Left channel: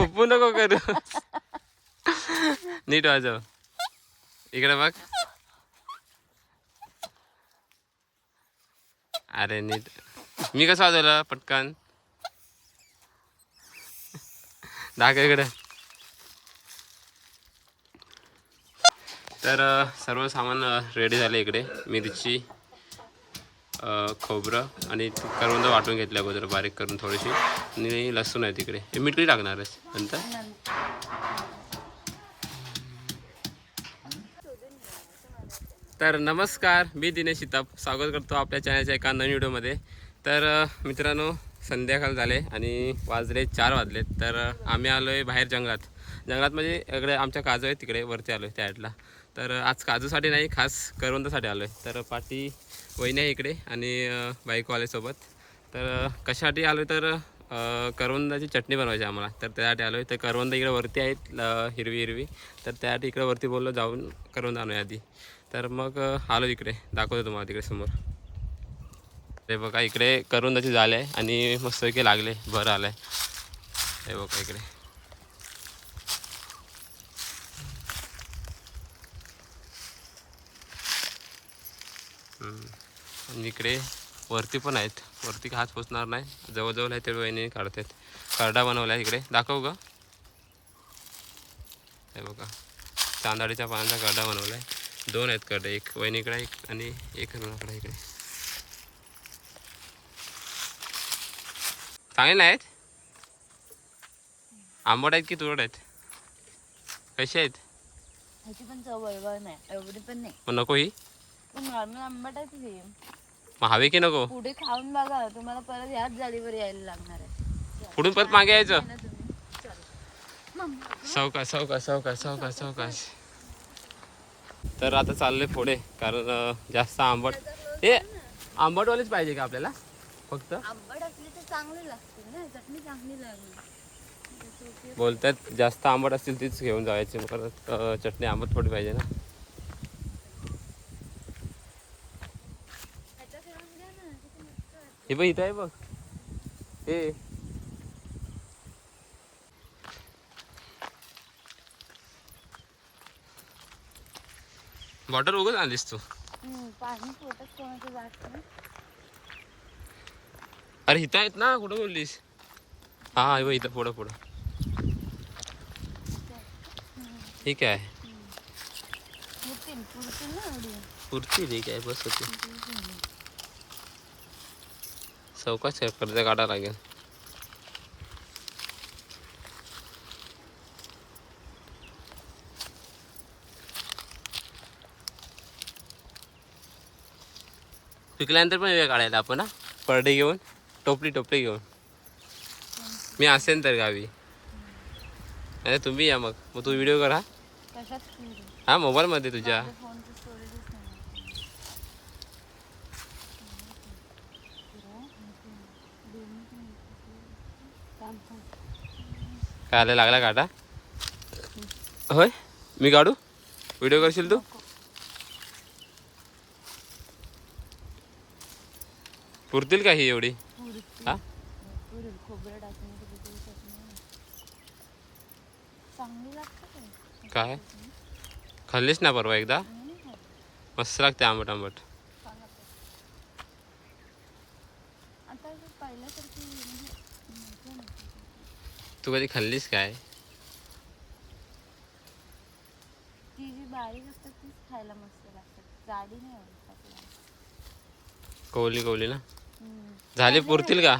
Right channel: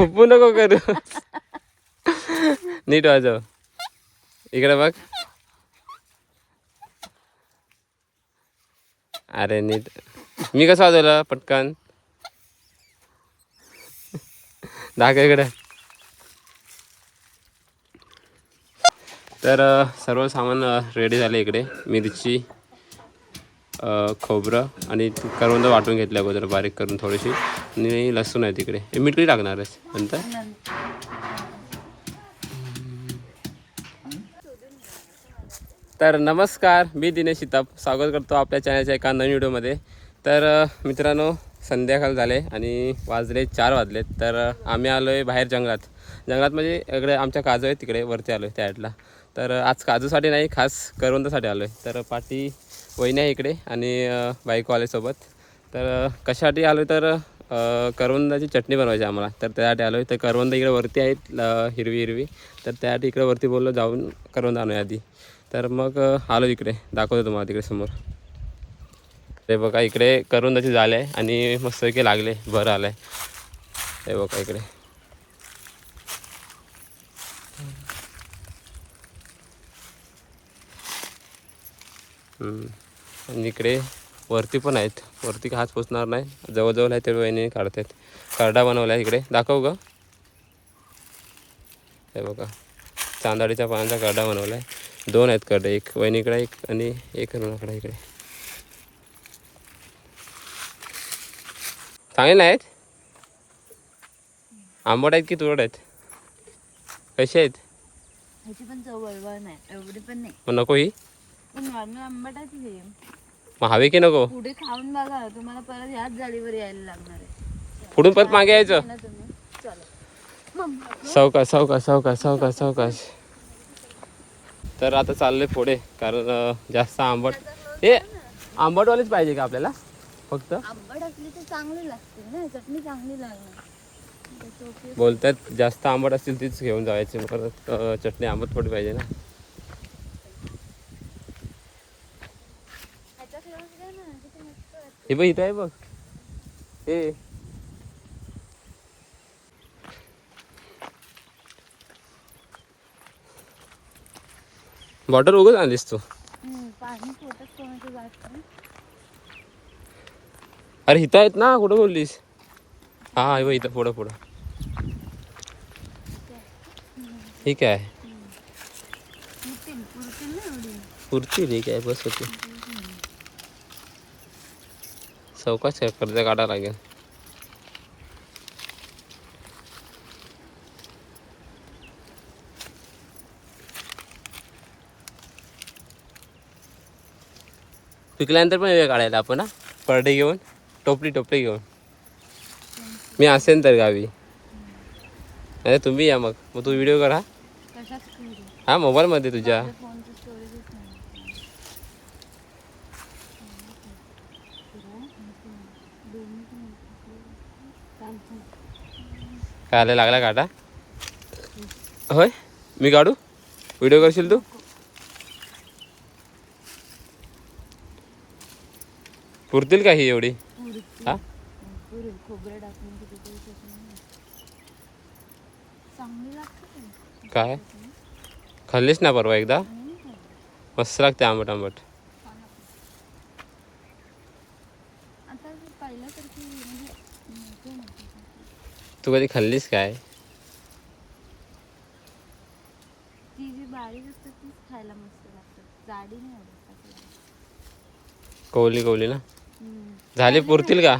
फुप्पू नको करू. नीट वाजव. इकडे बघ. अरे नीट. मी कसं वाजवलं पटकन. दाखव इकडे. तर सर्व सामान रेडी झाले इकडे. मिरची, खोबरं आणि करवंद वाटून घेतले अगोदर बारीक करून थोडीशी. आणि लसूण आहे तिकडे. हे मीठ किती टाकणार आहेस नंतर? तर नमस्कार, मी दिनेश शिताप. स्वागत करतो आपल्या चॅनलच्या एका नवीन व्हिडिओमध्ये. तर मित्रांनो, संध्याकाळ झाले आणि वाजले 4 वाजलेत. तर आम्ही आलो आहे बाहेर जंगलात. म्हणजे इकडे आमच्या काजू आहे, तिकडे वरती आलो आहे त्या साईडला. तर आज काजूसाठी नाही, खास करवंदासाठी आलो आहे. तर पाठी वहिनी आहे इकडे आणि बाईक वाल्यासोबत. तर कशासाठी आलो तर करवंदाची चटणी बनवायची आम्हाला. तर त्यासाठी आलो आहे. तर करवंद इकडे वरती आहेत, हिरवी हिरवी. तर त्यासाठी इकडे वरती बोललो जाऊन करवंद आणूया आधी. तर मग आलो इकडे, दाखवतो तुम्हाला तिकडे समोर. ते बघा इकडे करवंदाची जाळे आहे आणि मस्तपैकी लागले, भर आलाय. हे बघा इकडे. आणि इकडे वरती पण आहेत. वरती हात पोचणार नाही, जवळजवळ आहे ते वहिनी काढतात. करडा बनवला आहे इकडे, दाखव ग. हे बघा, चांदाडीच्या पानांचा करडा बनवला आहे. 2 आहेत करडे, एक वहिनीकडे एक आणि एक रुणाकडे इकडे. चांगले आहेत. आंबट आहेत की तुरट आहेत? कसे आहेत? ह्याची पण चव बरोबर नाही, एवढी पण नाही. मग नको ही? नॉर्मल आंबट आहे ती. मग हवे की नको? पुढे खाऊन बघा, तुम्हाला परत याच जाळीवर यायला लागणार आहे. पुढून परत मागे यायचं. चला सावकाश सावकाश सावकाश सावकाश सावकाश. तर आता चालले पुढे, कारण जास्त आंबट. हे आंबटवालीच पाहिजे का आपल्याला? फक्त आंबट असली तर चांगली लागते ना, चटणी चांगली लागते. बोलतात जास्त आंबट असतील तीच घेऊन जायची, परत चटणी आंबट थोडी पाहिजे ना. हे बघ इथं आहे बघ. हे बॉटल उगच आणलीस तू? पाणी पोटात कोणाचं जात नाही. अरे इथं आहेत ना, कुठं बोललीस? हा हे बघ इथं पुढं पुढं. ठीक आहे, पुरती ठीक आहे, बस होती. चौकाच कर्ज काढावं लागेल. पिकल्यानंतर पण वेळ काढायला आपण, परडे घेऊन, टोपली घेऊन. मी असेन तर गावी. अरे तुम्ही या मग तू व्हिडिओ कर. हा मोबाईलमध्ये तुझ्या. काय लागला काटा? होय, मी काढू? व्हिडिओ करशील तू? पुरतील का ही एवढी? हा, काय खाल्लीस ना परवा एकदा? मस्त लागते आंबट आंबट. तू कधी खाल्लीस काय? खायला मस्त लागते, जाडी नाही आवडत. कवली कवली ना झाली. पुरतील का?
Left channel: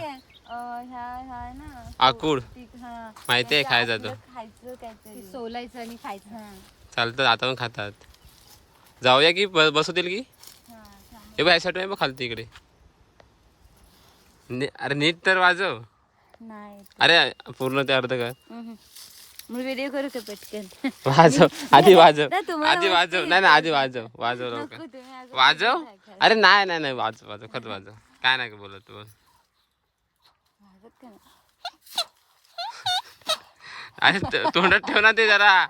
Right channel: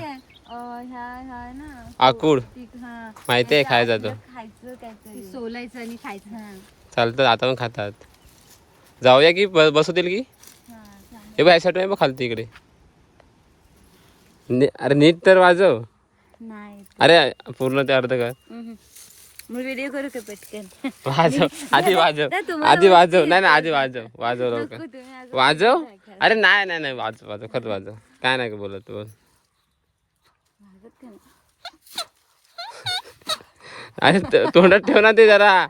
आकुड माहिती आहे, खायचा तो. सोलायचं आणि खायचं. चालतं, आता पण खातात. जाऊया की बसवतील की? हे बघ यासाठी बघ खालती इकडे. अरे नीट तर वाजव. नाही, अरे पूर्ण ते अर्ध कर. मी व्हिडिओ करू का पटकन? वाजव आधी, वाजव आधी, वाजव. नाही नाही आधी वाजव, वाजव लवकर वाजव. अरे नाही नाही नाही, वाजव वाजव खत वाजव. काय नाही बोलत तू. अरे तोंडात ठेव ना ते जरा.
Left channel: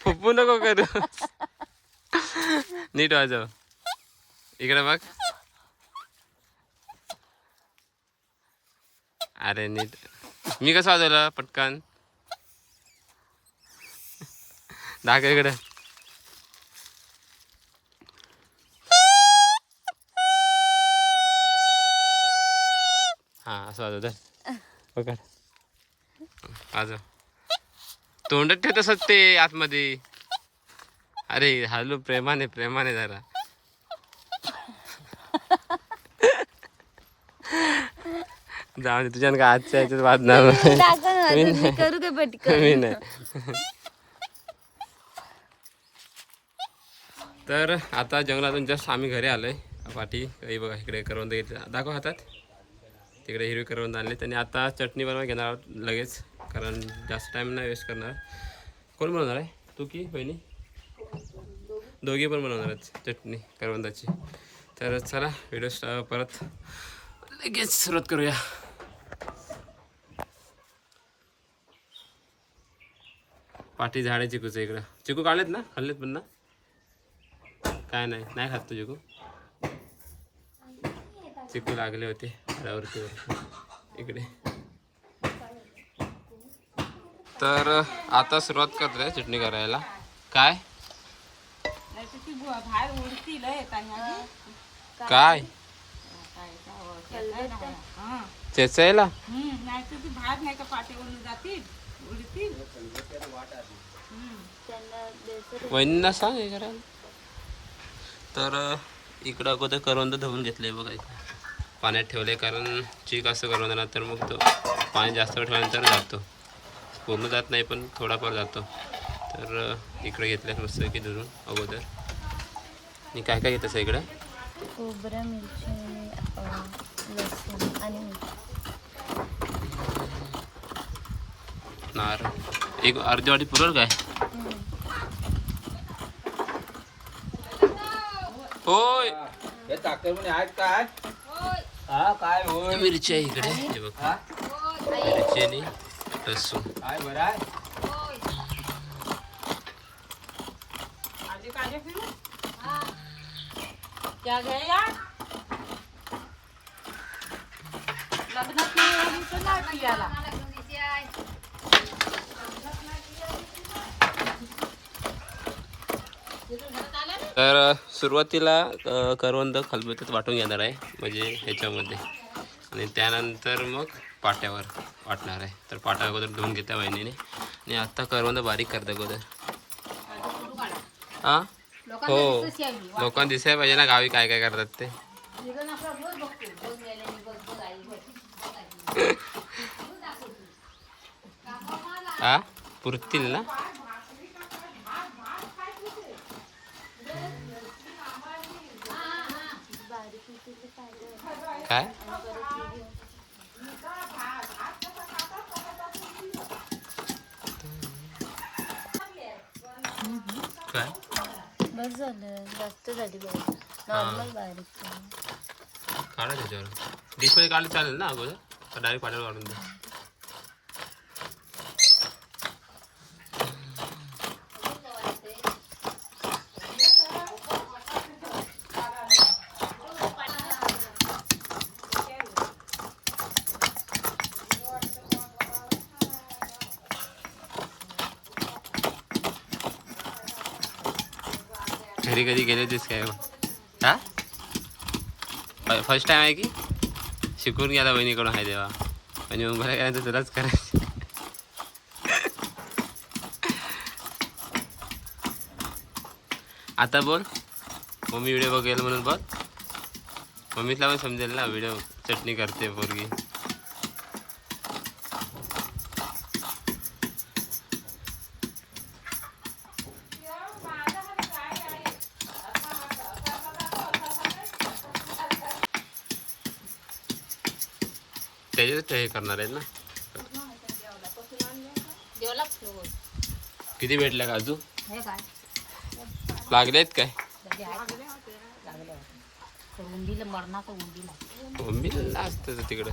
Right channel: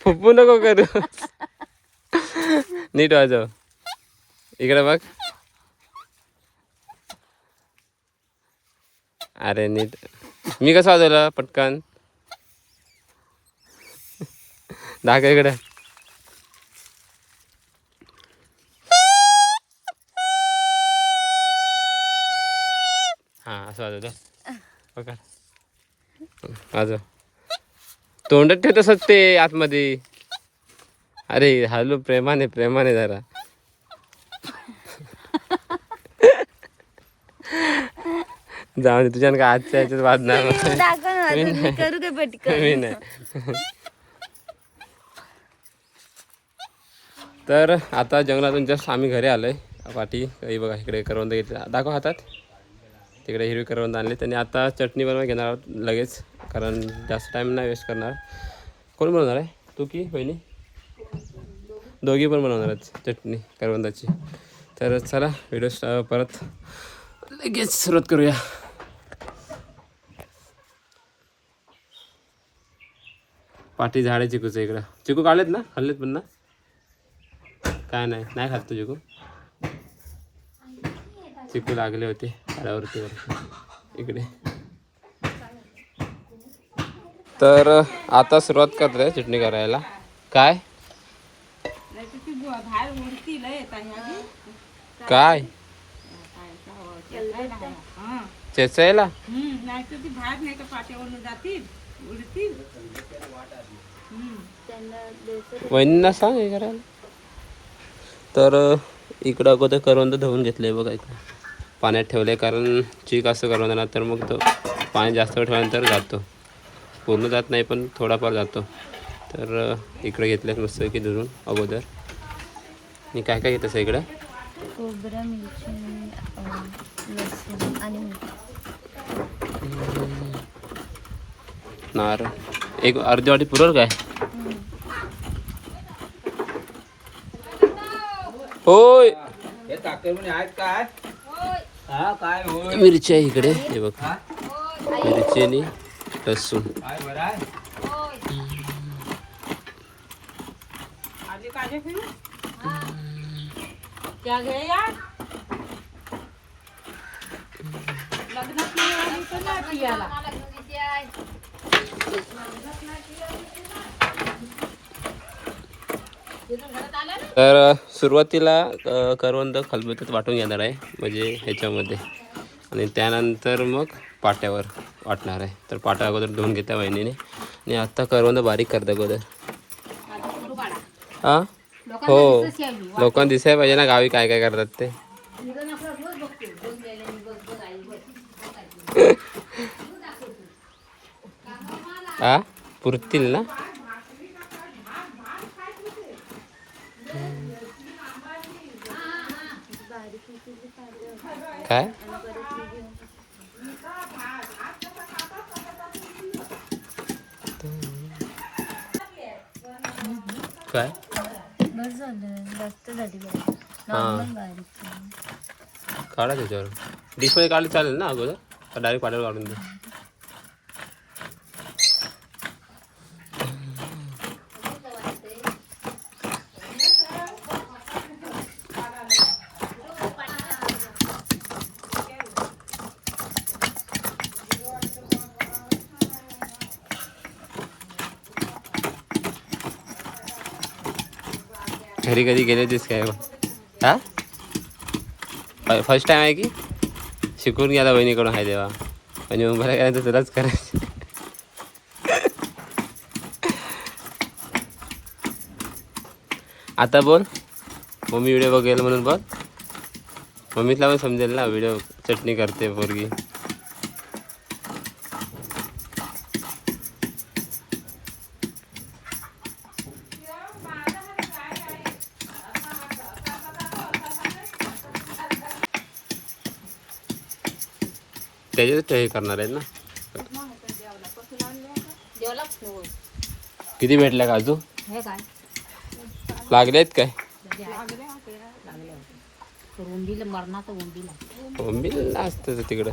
फुप्पू नको करू. नीट वाजव. इकडे बघ. अरे नीट मी कसं वाजवलं पटकन दाखव हा असं वाजवत वाजव तोंडात ठेव तसंच ते आतमध्ये अरे हॅलो प्रेमाने प्रेमाने जरा जाऊ दे तुझ्या का आजच्या याच्यात वाजणार नाही. मी करू का पटकन मी नाही. तर आता जंगलातून जस्ट आम्ही घरी आलोय पाठी काही बघा इकडे करवंद घेतले दाखव हातात तिकडे हिरवी करवंद आणली आणि आता चटणी बनवा घेणार आहोत लगेच कारण जास्त टाईम नाही वेस्ट करणार. कोण बनवणार आहे तू की बहिणी दोघी पण बनवणार आहेत चटणी करवंदाची. तर चला व्हिडिओ परत लगेच सुरुवात करूया. पाठी झाडे चिकूचं इकडं चिकू काढलेत ना खाल्लेत पण ना काय नाही नाही खात तू चिकू चिकू लागले होते झाडावरती इकडे. तर आता सुरुवात करतोय चटणी करायला. काय काय चेचायला वहिनींना सांग हे करायला. तर इकडं अगोदर करवंद धुवून घेतले बघा इकडे पाण्यात ठेवले कारण चीक असं करवंद ना तर मग तो पाणी जास्त वेळ ठेवल्यानंतर जातो पूर्ण जात नाही पण थोडाफार जातो. तर इकडे घेतले मस्त की धुवून अगोदर. मी काय काय घेतलं इकडं खोबरं मिरची लसूण आणि नार एक अर्धी वाटी पुरल काय होय मिरची आहे इकडे हे बघ मिरची आणि लसूण तर सुरुवातीला करवंद खलबत्त्यात वाटून घेणार आहे म्हणजे ह्याच्यामध्ये आणि त्यानंतर मग पाट्यावर वाटणार आहे. तर पाट्या अगोदर धुवून घेत्या वहिनीने आणि आत्ता करवंद बारीक करता अगोदर. हां हो लोकांना दिसायला पाहिजे ना गावी काय काय करतात ते. हा पुरतील ना काय काय बस झालं जास्त झाली काढा त्याच्यावर डिशमध्ये काढले चालेल ना अगोदर डायरेक्ट पाट्यावर काढून दे. घरी कधी गेले होतीस काय हा फर्स्ट टाइम आहे की शिकून घ्या बहिणीकडून आहे तेव्हा म्हणजे मग बरं काय तर तुलाच करायचं. आता बोल मम्मी व्हिडिओ बघेल म्हणून बोल मम्मीला पण समजेल ना व्हिडिओ चटणी करते पोरगी. त्याच्यात हे करणार आहेत ना किती भेटल्या काजू लागले आहेत काय उंबीला असतं तिकडं.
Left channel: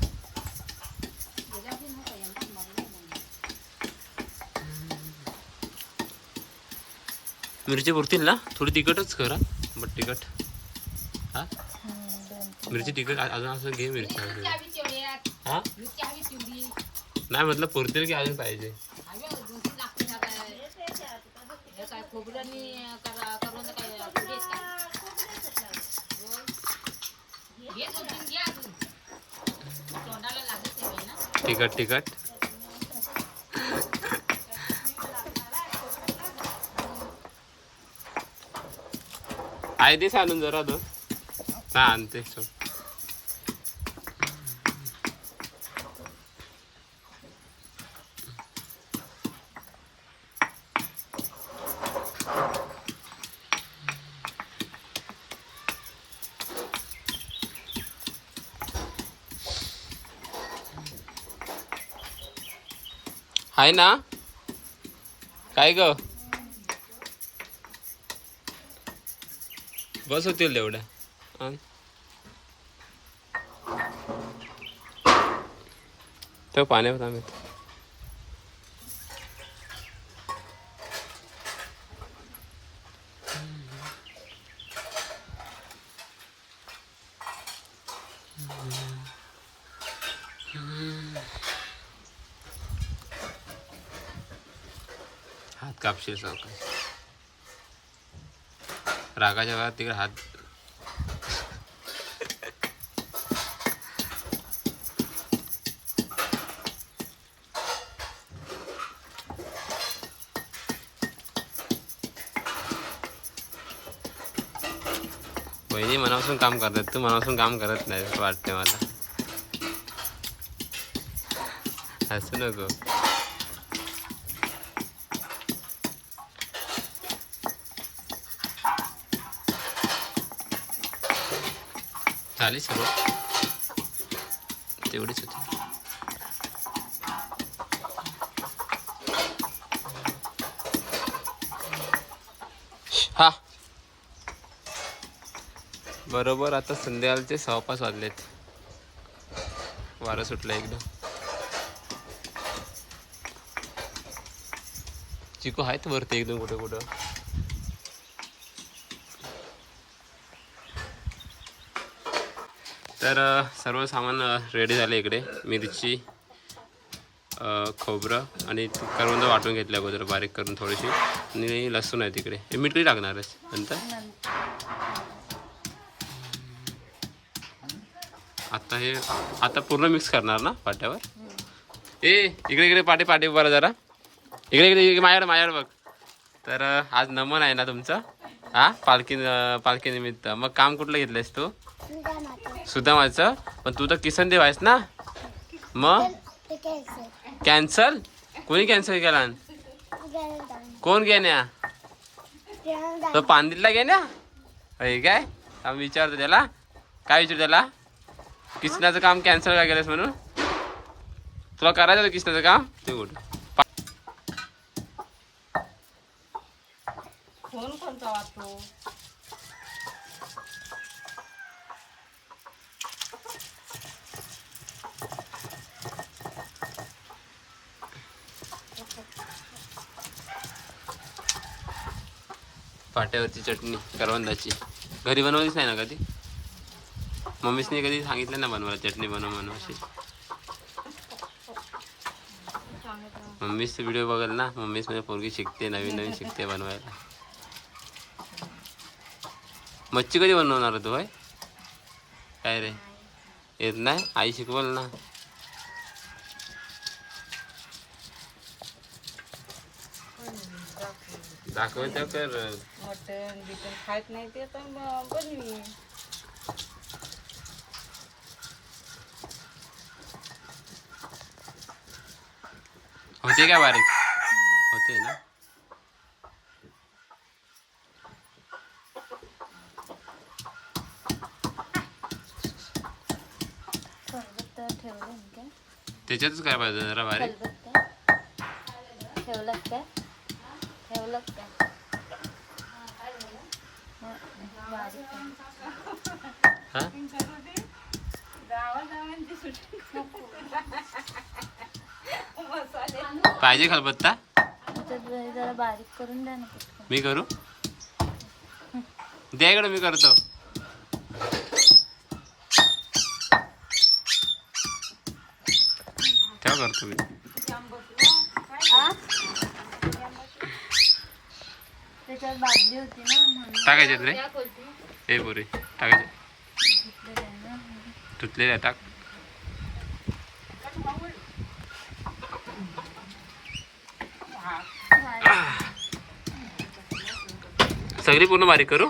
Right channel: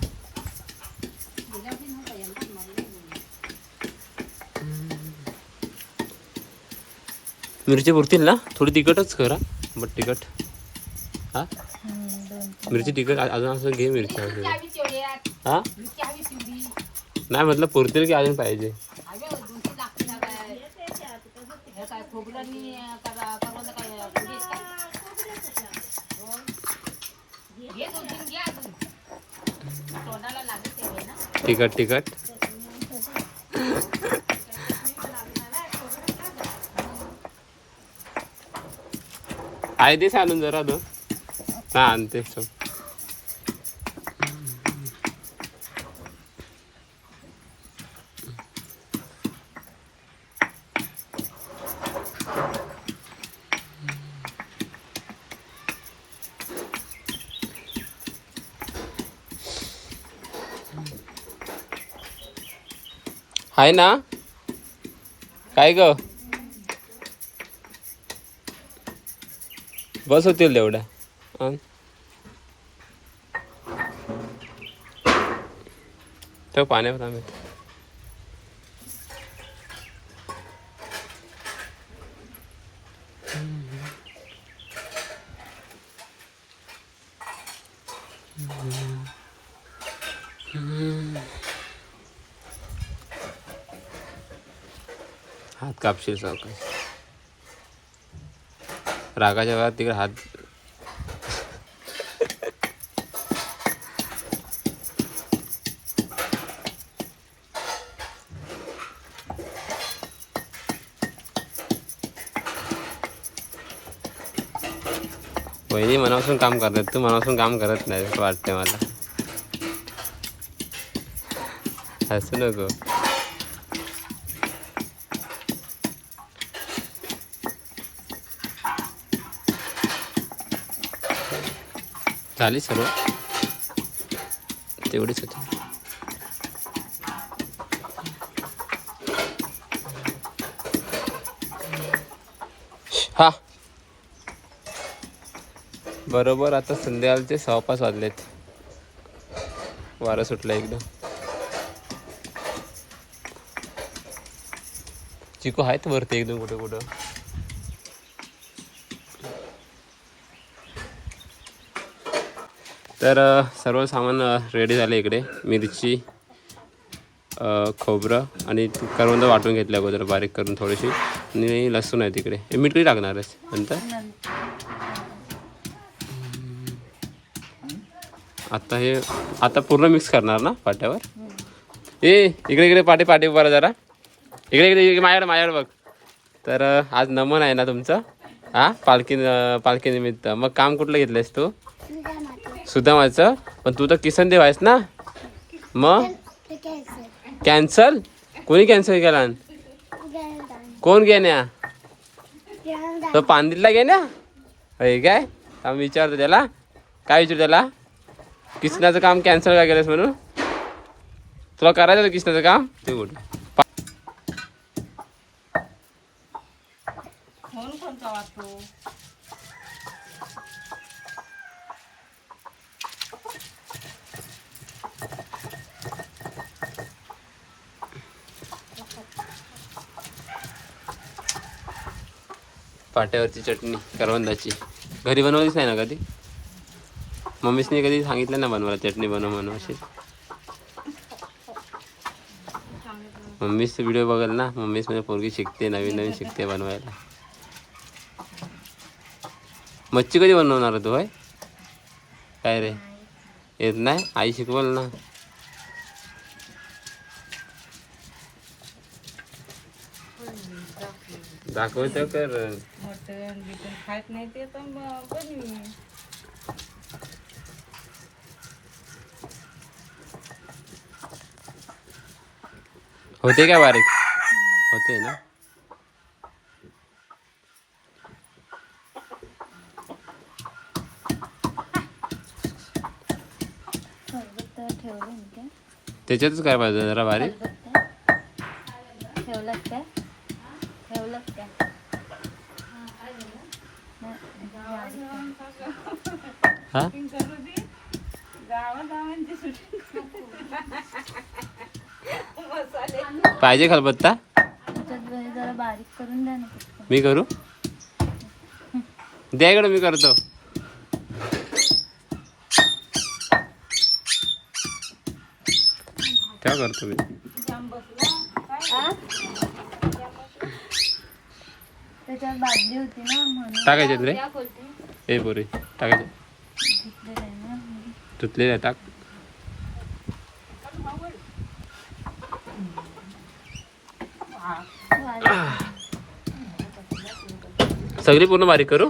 मिरची पुरतील ना थोडी तिखटच करा बट तिखट हा मिरची तिखट अजून असं घे मिरची हा नाही म्हटलं पुरतील की अजून पाहिजे. तिखट तिखट आहे ते चालून जरा तो हा आणते सो. आहे ना काय ग बस होतील तेवढ्या. तो पाण्यावर आम्ही हात कापशील सावकाश. रागाच्या वेळात तिकडे हात वहिनी मनापासून काम करतात, तू मनापासून काम करत नाही असं वाटतंय मला. असं नको. झाली सर्व तेवढीच होती. हा बरोबर आता संध्याकाळचे 6:05 वाजलेत. वारं सुटलं एकदम. चिकू आहेत वरती एकदम कुठं कुठं. तर सर्व सामान रेडी झालं इकडे. मिरची खोबरं आणि करवंद वाटून घेतल्या अगोदर बारीक करून थोडीशी. आणि लसूण आहे तिकडे. हे मीठ कधी टाकणार आहेस नंतर. आता हे आता पूर्ण मिक्स करणार ना पाट्यावर. इकडे इकडे पाटे पाटे बरं जरा इकडे इकडे माझ्याकडे बघ. तर आज नमन आहे ना तुमचं हा पालखी निमित्त. मग काम कुठलं घेतलंयस तू. सुदामाचं. पण तू तर किसन देव आहेस ना. मग कॅन्सल कोणी कॅन्सल केला. कोण घेण्या तो पांदिलला घेण्या होय काय. आम्ही विचारतो त्याला काय विचारू त्याला किसनाचं काम कॅन्सल का केलंस म्हणून. तुला करायचं होतं किसनाचं काम. ते कुठं पाट्यावरची चटणी करवंदाची घरी बनवलीच नाही ना कधी. मम्मीसने कधी सांगितलं ना बनवायला चटणी बनव म्हणून अशी. मम्मीच व्हिडिओ बघेल ना. मम्मीच म्हणजे पोरगी शिकते नवीन नवीन शिकते बनवायला. मच्छी कधी बनवणार तू होय काय रे. येत नाही आई शिकवल ना. दाखवतो कर. खात नाही ते पण होते काय बारीक होते ना. त्याच्यातच काय पाहिजे जरा बारीक. हा पाहिजे खलबत्ता. जरा बारीक करून द्या ना. मी करू द्या इकडे मी करतो. ठेवा करतो मी. हा? त्याच्यावर बादली होती ना म्हणून. टाकायचे रे या खोलती. हे पोरी टाकायचे. घेतलेलं आहे ना. धुतलेले टाक. सगळी पूर्ण बारीक करू.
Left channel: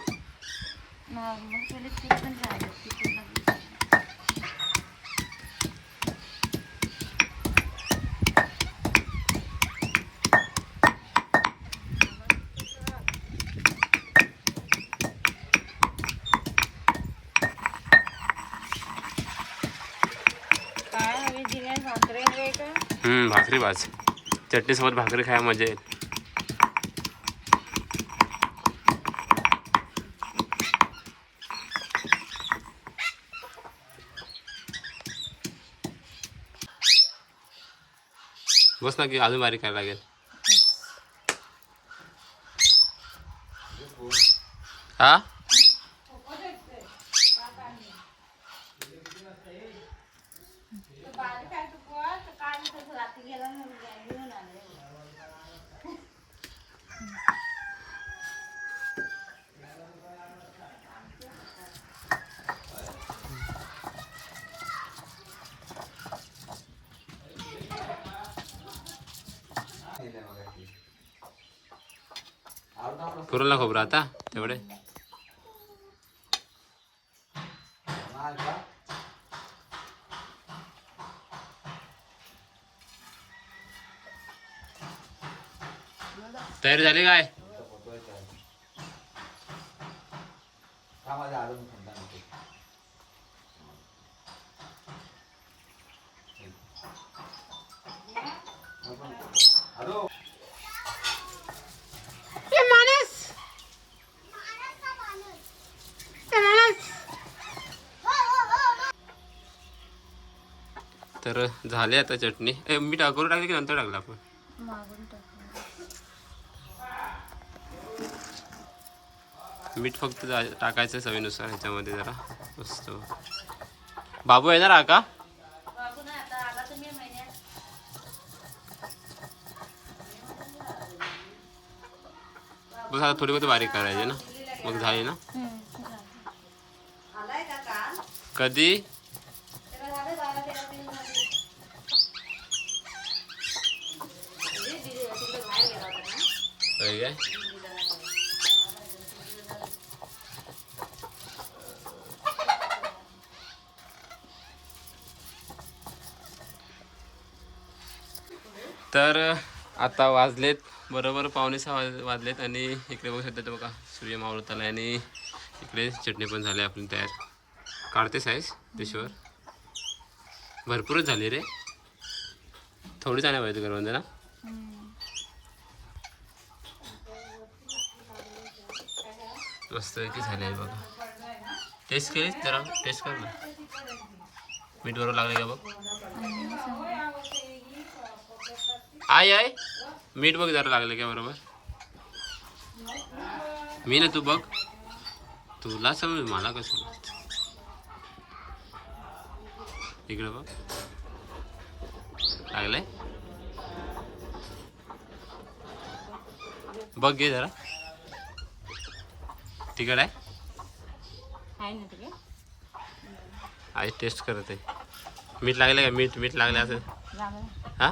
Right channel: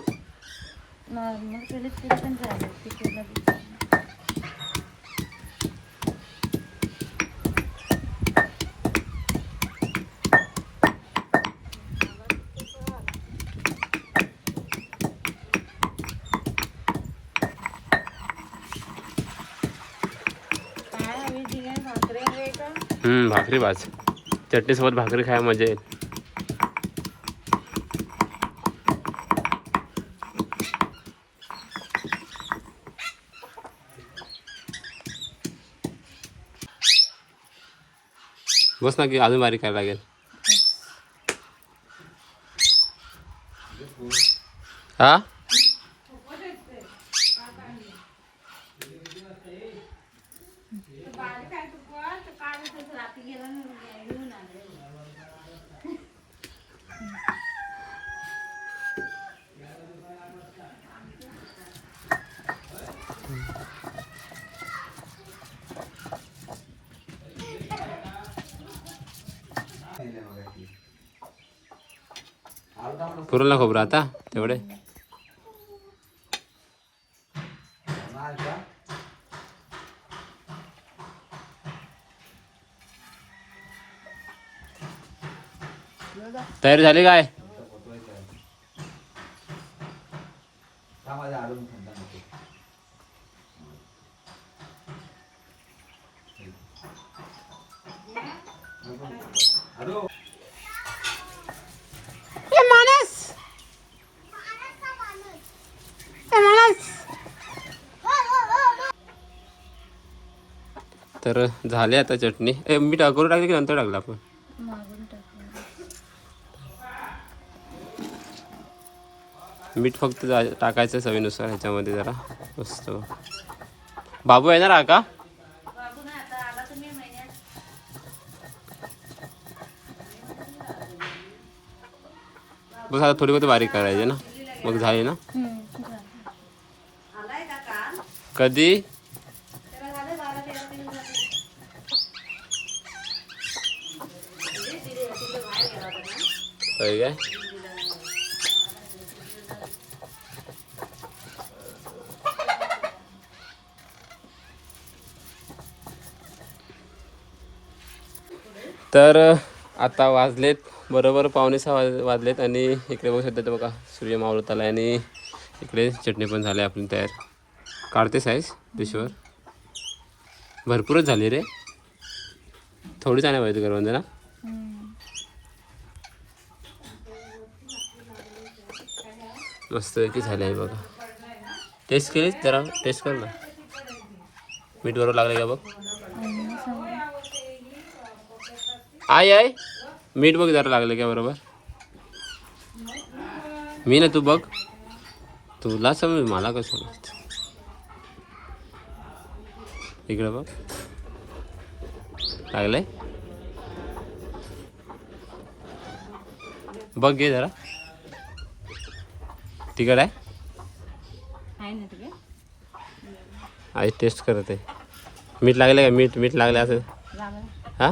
नॉर्मल केले ते पण चालेल. ते पूर्ण भाकरी भाज. चटणीसोबत भाकरी खायला मजा येईल. बस ना की अजून बारीक करायला लागेल. हा पुरला खोबरं आता तेवढे. तयारी झाली काय? तर झाले आता चटणी. मीठ अगोदर टाकली की नंतर टाकलं आपण? मागून टाकलं. मीठ फक्त टाकायचं चवीनुसार ह्याच्यामध्ये जरा. मस्त. बाबू येणार हा का? बस आता थोडी बहुत बारीक करायची ना मग झाली ना. कधी काय तर आता वाजलेत बरोबर 5:45 वाजलेत आणि इकडे बघू शकता ते बघा सूर्य मावळत आला आणि इकडे चटणी पण झाली आपली तयार. काढते साईज डिशवर. भरपूरच झाली रे. थोडी जाण्या पाहिजे करवंदे ना. मस्त की झाली आहे बघा. टेस्ट केली जरा. टेस्ट कर ना. मीठ बरोबर लागले का बघ. आय मीठ बघ जरा लागले का बरोबर. मी ना तू बघ. तुला समज मला कसं समजत. इकडे बघ लागलंय. बघ घे जरा. तिकड आहे. आई टेस्ट करत आहे. मीठ लागले का. मीठ लागले असं. हा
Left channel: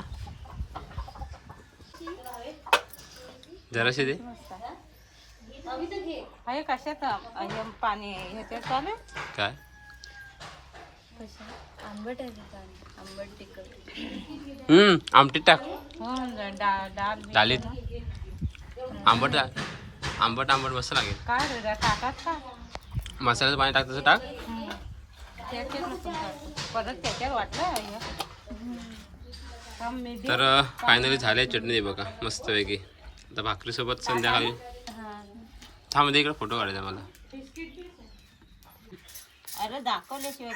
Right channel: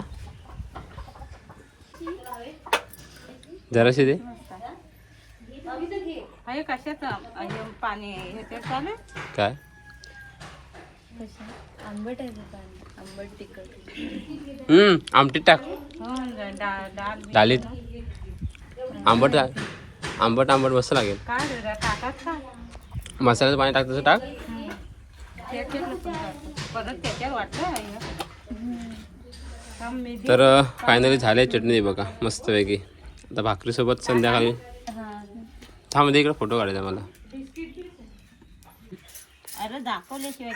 जराशी दे. पाणी काय आंबट आहे पाणी. आंबट तिखट. आमटीत टाक. डालीत आंबट आंबट आंबट मस्त लागेल. मसाल्याचं पाणी टाक तसं टाक. तर फायनली झाले चटणी बघा मस्तपैकी. आता भाकरीसोबत संध्याकाळी. थांब इकडे फोटो काढायचा मला. अरे दाखवल्याशिवाय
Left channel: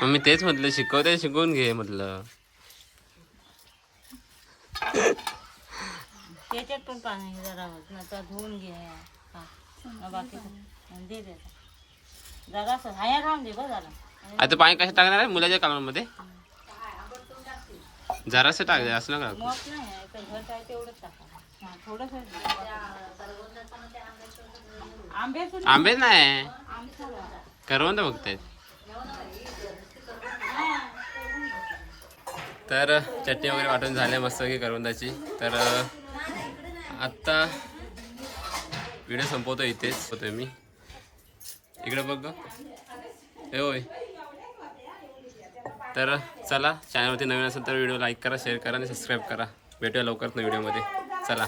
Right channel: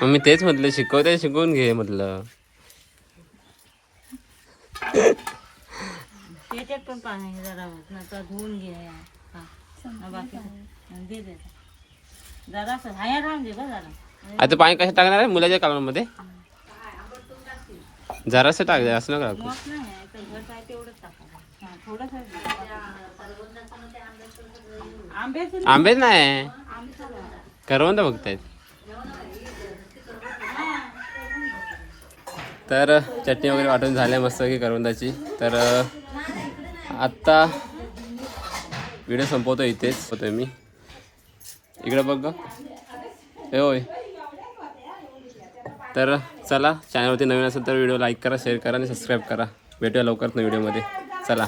मग मी तेच म्हटलं शिकवते शिकवून घे म्हटलं. त्याच्यात पण पाणी जरा धुवून घे. बाकी दे दे जरा हाया राहून दे बघ जरा. आता पाणी कसं टाकणार आहे मुलाच्या कालमध्ये. जरासं टाक असं नका टाकू. मग नाही तर घट आहे तेवढंच टाका. हा थोडंसं आंबे आंबे नाही करवंद बघतायत. तर चटणी वगैरे वाटून झाल्या मस्त की करवंदाची. तर आत्ता व्हिडिओ संपवतो इथेच होतोय मी. इकडे बघ ए होय. तर चला, चॅनलवरती नवीन असेल तर व्हिडिओ लाईक करा, शेअर करा आणि सबस्क्राईब करा. भेटूया लवकरच व्हिडिओमध्ये. चला.